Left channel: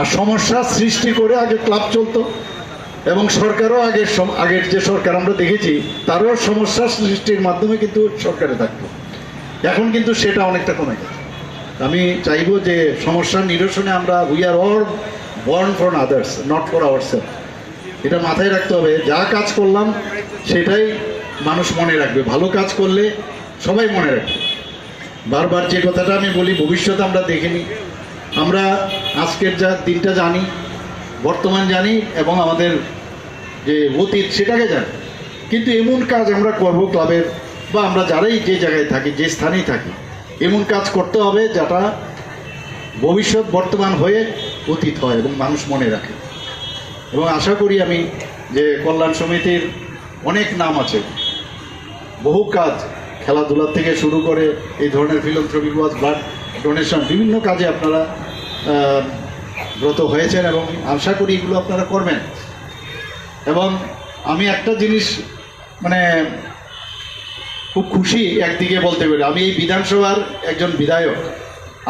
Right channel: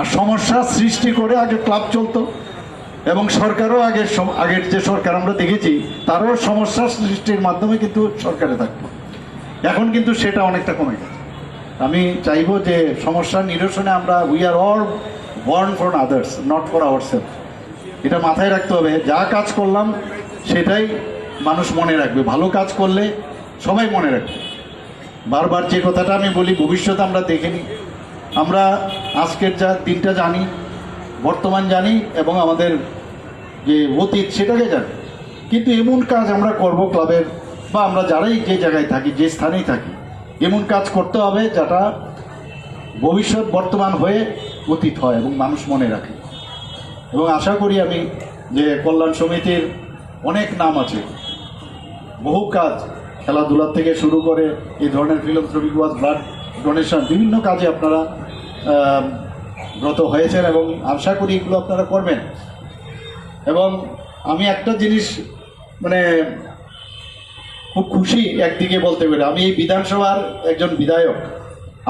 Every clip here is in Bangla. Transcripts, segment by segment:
আর সমস্যা সৃষ্টি করে আগে ক্লাব চলতো এবং সরকারও আগের আগের যে সরকার আমরা দেখেছি, তারও সমস্যা সৃষ্টির মাধ্যমে কিন্তু সরকারে থাকতো। এখন কিন্তু সেটা অনেকটা কমে গেছে। আমি চাইব যে সমস্যার নিরসনে আমরা we are all born for others not for our এটা মাথায় রাখতে হবে, যা কাজ করলাম সেটাই মানুষ মনে রাখবে। ভালো কাজ করলে সবাই মনে রাখবে। বারবার যে কথাটা আমি বলি, ভবিষ্যতে আমরা দেখিনি আমরা আজকের যা দিনটা জানি, বর্তমান জানি এবং আমাদের যে অতীত সেটাকে জানি। কিন্তু এমন কাজ আমরা করব ক্লাবের বা আমরা যারাই যে জায়গায় থাকি, যে স্থানেই থাকি, এমন কাজ করতে হবে যেটা ভবিষ্যৎ বর্তমান হয়ে অতীত হয় এবং মানুষ মনে রাখে। এবং আশা করি আমি যে কল্যাণ সমিতির অনেক নাম আছে। বহু কাজ খেলাধুলা থেকে শুরু করে এই ধরনের ফিলন্থ্রপিক ওয়াজ ব্লাড ডোনেশন, বিভিন্ন কাজে আপনারা ব্রত হয়েছেন এবং আশা করি এগুলো আপনারা করবেন। এবং আমি একটা জিনিস মানে খুব খুশি একদিকে বলতে পারি আমি এই বিধানসভার একজন বিধায়ক।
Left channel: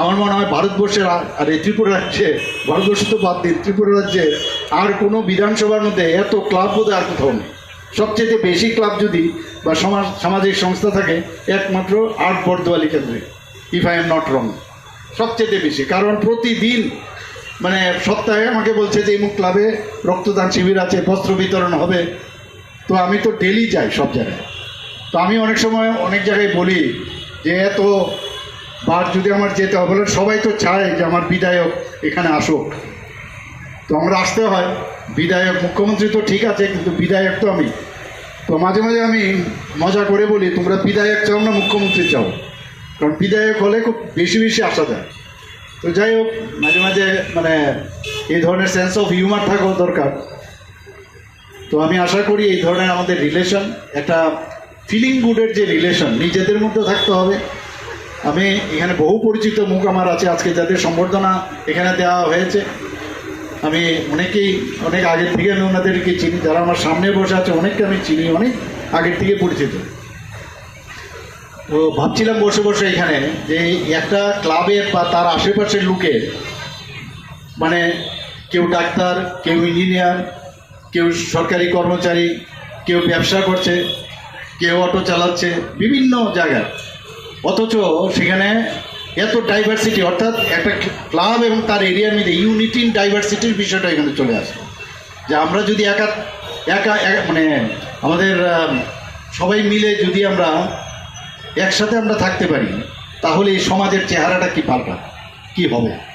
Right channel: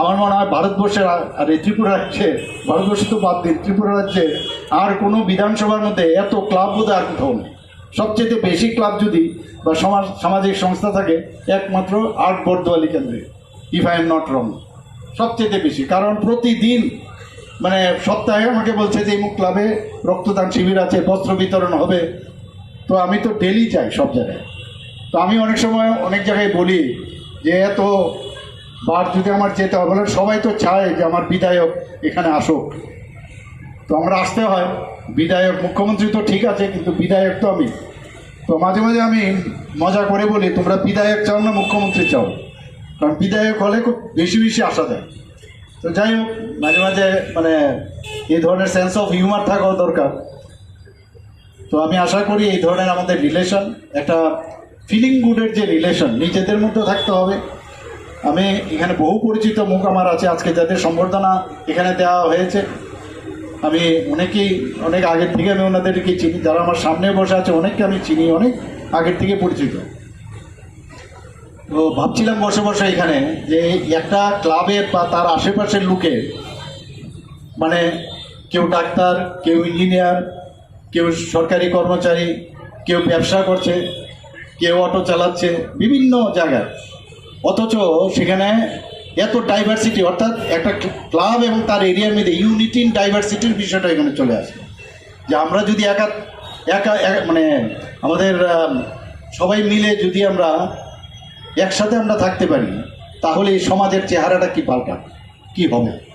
আমার মনে হয় ভারতবর্ষের আর এই ত্রিপুরা রাজ্যে, ভারতবর্ষ তো বাদ দিন ত্রিপুরা রাজ্যে আর কোনো বিধানসভার মধ্যে এত ক্লাব বোধ আর কোথাও নেই। সবচেয়ে বেশি ক্লাব যদি বা সমাজ, সামাজিক সংস্থা থাকে, একমাত্র আট বর্দোয়ালি কেন্দ্রে। If I am not wrong সবচেয়ে বেশি। কারণ প্রতিদিন মানে সপ্তাহে আমাকে বলছে যে, এই ক্লাবে রক্তদান শিবির আছে, বস্ত্র বিতরণ হবে। তো আমি তো ডেলি যাই সব জায়গায়। তো আমি অনেক সময় অনেক জায়গায় বলি যে, এত বার যদি আমার যেতে হবে বলে, সবাই তো চায় যে আমার বিধায়ক এখানে আসুক। তো আমরা আসতে হয়। বিধায়ক, মুখ্যমন্ত্রী তো ঠিক আছে, কিন্তু বিধায়ক তো আমি। তো মাঝে মাঝে আমি মজা করে বলি, তোমরা বিধায়ক চাও না মুখ্যমন্ত্রী চাও? কারণ বিধায়ক হলে খুব বেশি বেশি আশা দেয়। তো যাই হোক, মাঝে মাঝে মানে এই ধরনের সেন্স অফ হিউমার থাকাও দরকার। তো আমি আশা করি এই ধরনের আমাদের রিলেশন একটা ফিলিং গুডের যে রিলেশন নিজেদের মধ্যে থাকতে হবে। আমি এখানে বহু পরিচিত মুখ আমার আছে আজকে, যাদের সম্বর্ধনা এখানে দেওয়া হয়েছে। আমি অনেকেই, অনেক আগের থেকে আমি ওনাদেরকে চিনি, যারা আমার সামনে বসে আছে, অনেককে আমি চিনি, অনেক আগের থেকে পরিচিত। তো ভাবছিলাম বসে বসে এখানে যে একটা ক্লাবের বা তার আশেপাশের লোকের মানে কেউ ডাক্তার, কেউ ইঞ্জিনিয়ার, কেউ সরকারি কর্মচারী, কেউ ব্যবসা করছে, কেউ অটো চালাচ্ছে, বিভিন্ন জায়গায়। অথচ সেখানে এত ডাইভার্সিটি অর্থাৎ একটা ক্লাব এবং তার এরিয়ার মধ্যে ইউনিটি ইন ডাইভার্সিটির বিষয়টা এখানে চলে আসে। যে আমরা যদি একা একা, একা- মানে আমাদের সবাই মিলে যদি আমরা একসাথে আমরা থাকতে পারি তাহলে এই সমাজের চেহারাটা কি পাল্টা কি হবে?